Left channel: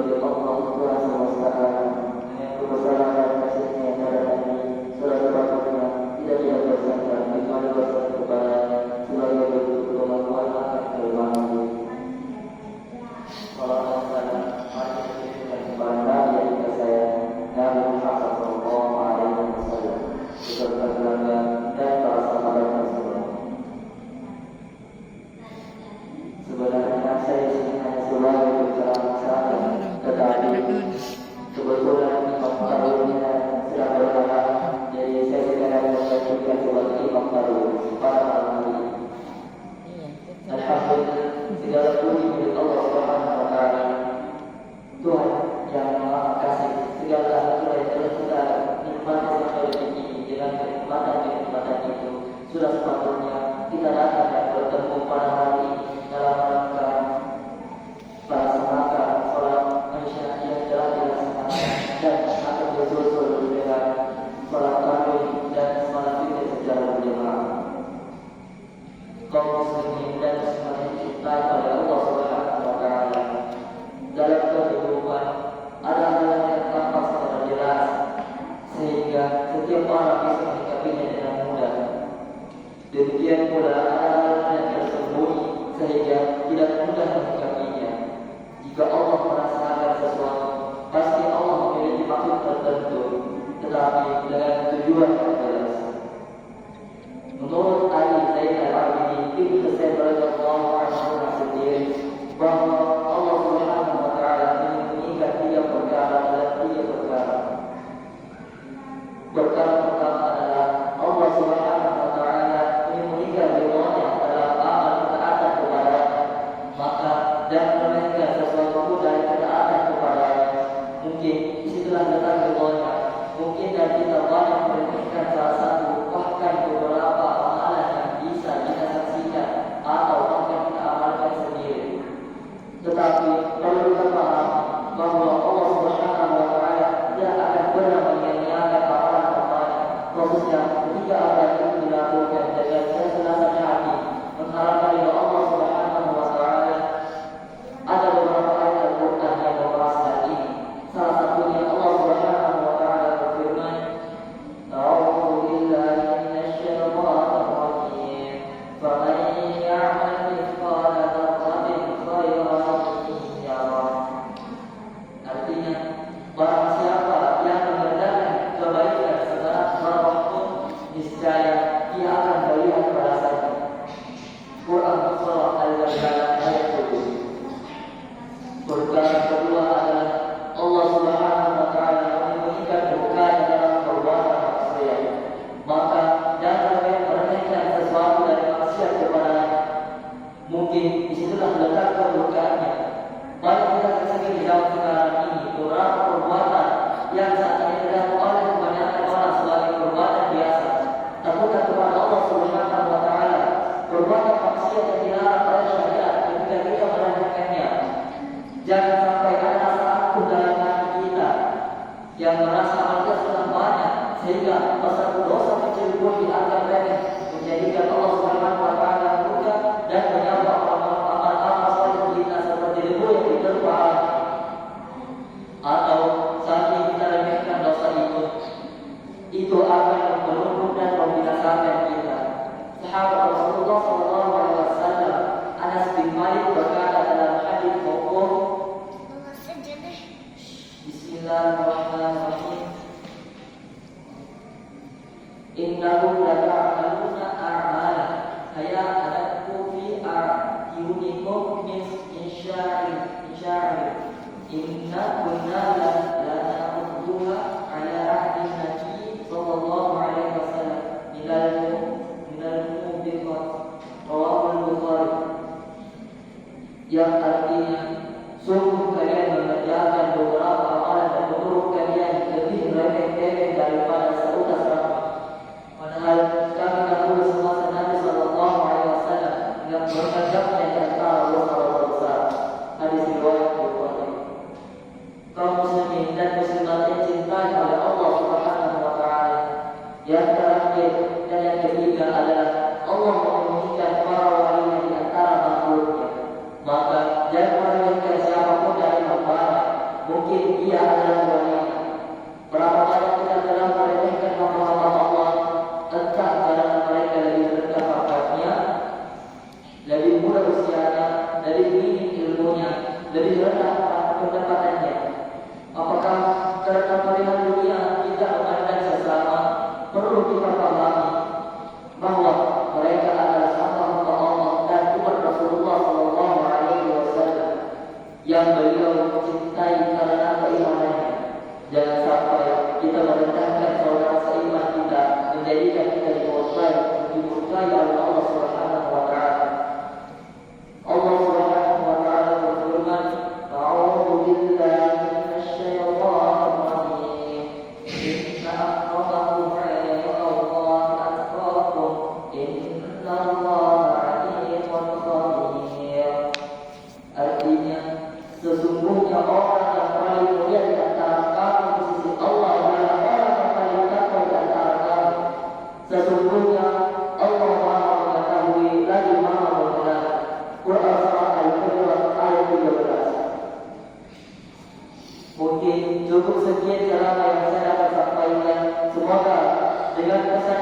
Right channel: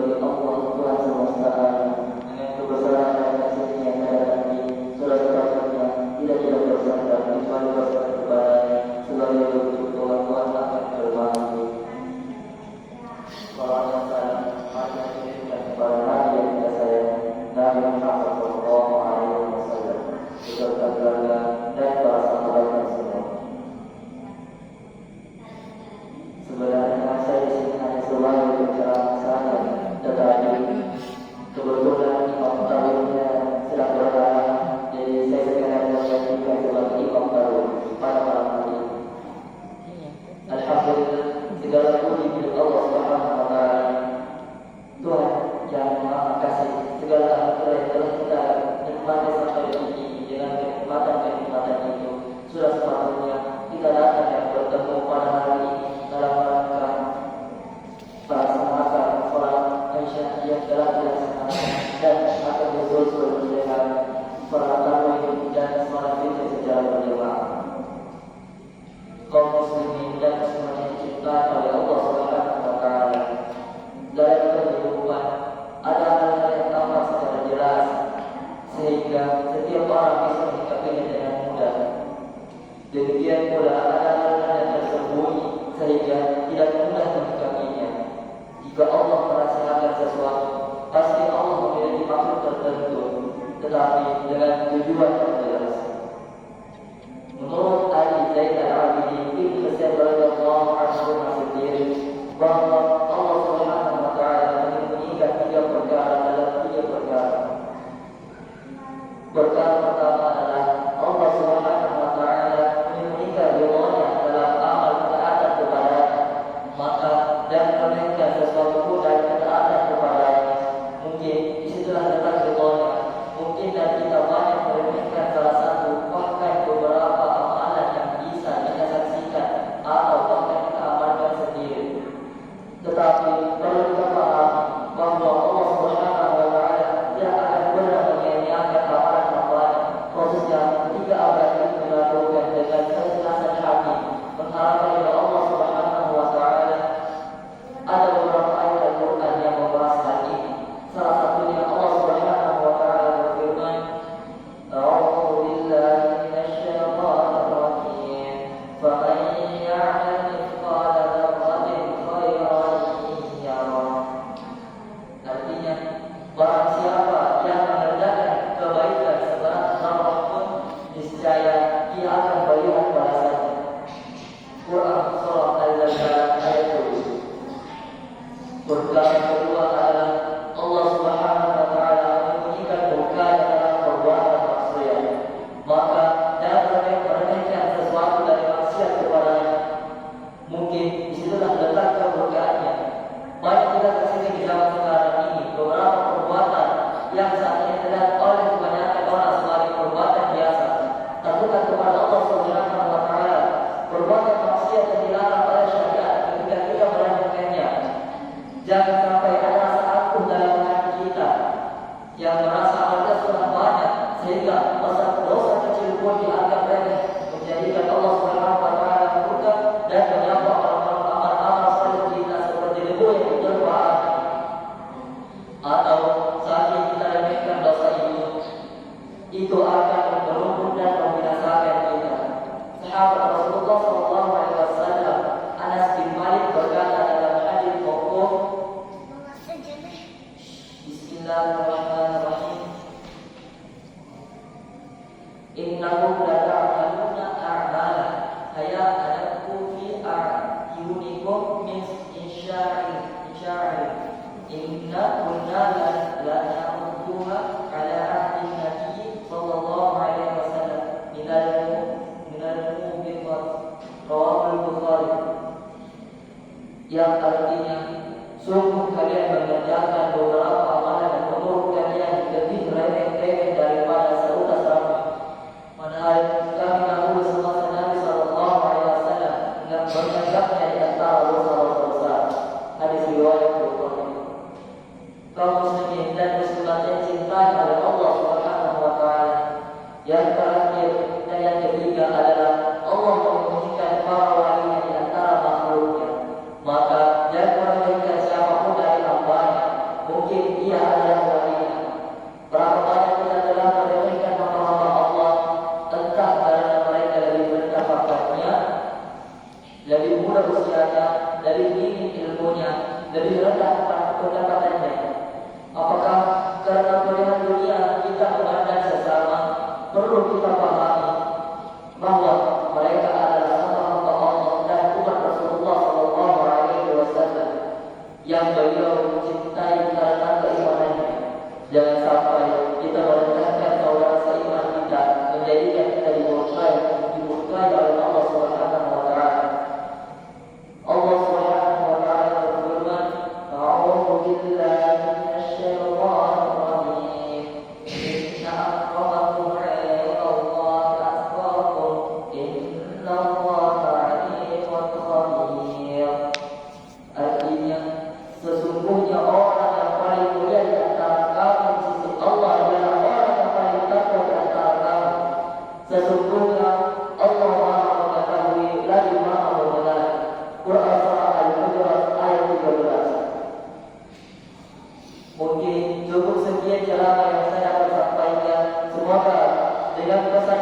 bagi Allah Tuhan semesta alam dengan kebesaran dan kasihnya yang ada ini sudah sepatutnya tidak bersandar kecuali bersandar kepada sebagai bentuk pengakuan akan kelemahan diri. Kalau ada salah, mari kita kirimkan kepada Nabi yang kita sayang, Nabi Muhammad Sallallahu Alaihi Wasallam, beserta keluarga dan para sahabatnya semua. Sebenarnya saya di sini hanya sebagai penceramah saja, tetapi kebetulan imam tarwihnya sedang berhalangan, jadi saya sekalian menyajikan sebagai imam tarwih pada malam hari ini. Alhamdulillah, segala puji milik Allah Subhanahu wa Ta'ala, Tuhan yang Maha Kasih, segala anugerah yang telah kita nikmati sampai detik ini. Dengan kenikmatan itu sudah sepatutnya kita datang dan bertemu pada hari ini dalam rangka melaksanakan sholat Isya yang telah dilaksanakan dan akan disusul dengan sholat tarawih dan sholat witir secara berjamaah. Kaum muslimin dan muslimat yang diciptakan oleh Allah Subhanahu wa Ta'ala, dalam kehidupan ada hal yang tampak secara jelas sehingga setiap orang bisa menyikapinya dengan mudah. Demikian pula ada hal-hal yang tersembunyi sehingga tidak mudah menyikapinya. Jika Allah merasakan sesuatu, pasti Allah memiliki maksud tertentu, tetapi dengan tujuan yang jelas. Menurut Ali Zain Al-Abidin Ibn Husain radhiyallahu anhu sendiri, bahwa Allah Subhanahu wa Ta'ala menyembunyikan 3 perkara dalam 3 perkara. Perkara pertama adalah Allah Subhanahu wa Ta'ala menyembunyikan ridha-Nya dalam amal ketaatan kepada-Nya, maka dan meremehkan sesuatu pun dari ketaatan kepada-Nya. Mungkin disitulah letak ridha-Nya. Mungkin dan kita banyak meremehkan salah satu, bahkan beberapa amalan yang bisa kita saksikan atau bahkan kita amalkan sendiri. Tetapi perlu kita pahami bahwa Allah Subhanahu wa Ta'ala tidak akan pernah menyia-nyiakan amalan hamba-Nya. Khususnya ketika amalan itu dilakukan dengan keikhlasan hati, mengharapkan ridha Allah Subhanahu wa Ta'ala. Ada beberapa ayat Al-Quran yang membahas hal ini. Salah satunya Allah Subhanahu wa Ta'ala berfirman, "A'udzu billahi minasy syaithanir rajim. Faman ya'mal mithqala dzarratin khairan yarah." Artinya, barang siapa yang mengerjakan kebaikan seberat zarrah pun, niscaya ia akan melihat balasannya. Quran Surah Al-Zalzalah ayat 7. Perkara kedua adalah Allah Subhanahu wa Ta'ala menyembunyikan murkanya dalam perbuatan maksiat. Maka jangan meremehkan sesuatu dari maksiat kepada-Nya. Mungkin disitulah letak kemurkaannya. Banyak kita saksikan di zaman sekarang ini beberapa perbuatan yang saat ini dilakukan oleh kebanyakan orang sebagai perbuatan biasa, takutkan kepada Allah Subhanahu wa Ta'ala. Perbuatan maksiat yang dilarang oleh syariat, ketika kita melakukannya, jangan sampai ada rasa acuh dalam hati kita yang merasa amal kita sudah banyak sehingga dosa kecil pun dianggap remeh, menjadikan Allah Subhanahu wa Ta'ala murka dan menyapa amal-amal saleh kita seperti debu yang diterpa api. Atau saking kita remehkan dosa itu akan merumput dan membinasakan kita. Sahabat Rasulullah Sallallahu Alaihi Wasallam Anas bin Malik berkata dalam hadis mauquf, Bismillahirrahmanirrahim, "Innakum la ta'maluna a'mala haya'alakum fi a'yunikum min insya'in inna kunna la na'udduha ala ahdi Nabi sallallahu alaihi wasallam minal mubiqat." Rawahul Bukhari. Yang artinya, sungguh kalian mengerjakan beberapa amalan yang menurut kalian lebih remeh-temeh daripada seutas rambut. Padahal kami dahulu semasa Nabi Sallallahu Alaihi Wasallam yang menganggapnya di antara dosa-dosa besar. Hadis riwayat Bukhari. Kaum muslimin dan muslimat yang cintai oleh Allah Subhanahu wa Ta'ala, yang terakhir dan yang ketiga adalah Allah menyembunyikan para walinya di antara makhluknya. Maka jangan mungkin ia adalah wali. Berapa banyak kita telah meremehkan hamba-hamba Allah, entah karena mereka lebih rendah pangkatnya, lebih muda usianya, lebih minim ilmunya, lebih rendah pendapatannya. Apakah karena melihat dunia kita memandang sesama? Perlu kita pahami bahwa mereka adalah hamba-hamba Allah dan umat Rasulullah SAW yang beliau cintai karena keimanannya. Jangan sampai kita merendahkan saudara seiman kita, menjadikan kita dimurkai oleh Allah Subhanahu wa taala. Allah Subhanahu wa taala berfirman, "A'udzu billahi minasy syaithanir rajim. Inna akramakum 'indallahi atqakum. Innallaha 'alimun khabir." Artinya, sesungguhnya orang yang paling mulia di antara kamu di sisi Allah adalah orang yang paling takwa di antara kamu. Sesungguhnya Allah Maha mengetahui lagi Maha mengenal. Quran Surah Al-Hujurat ayat 13. Mungkin cukup sekian ceramah yang saya dapat sampaikan. Semoga dengan pesan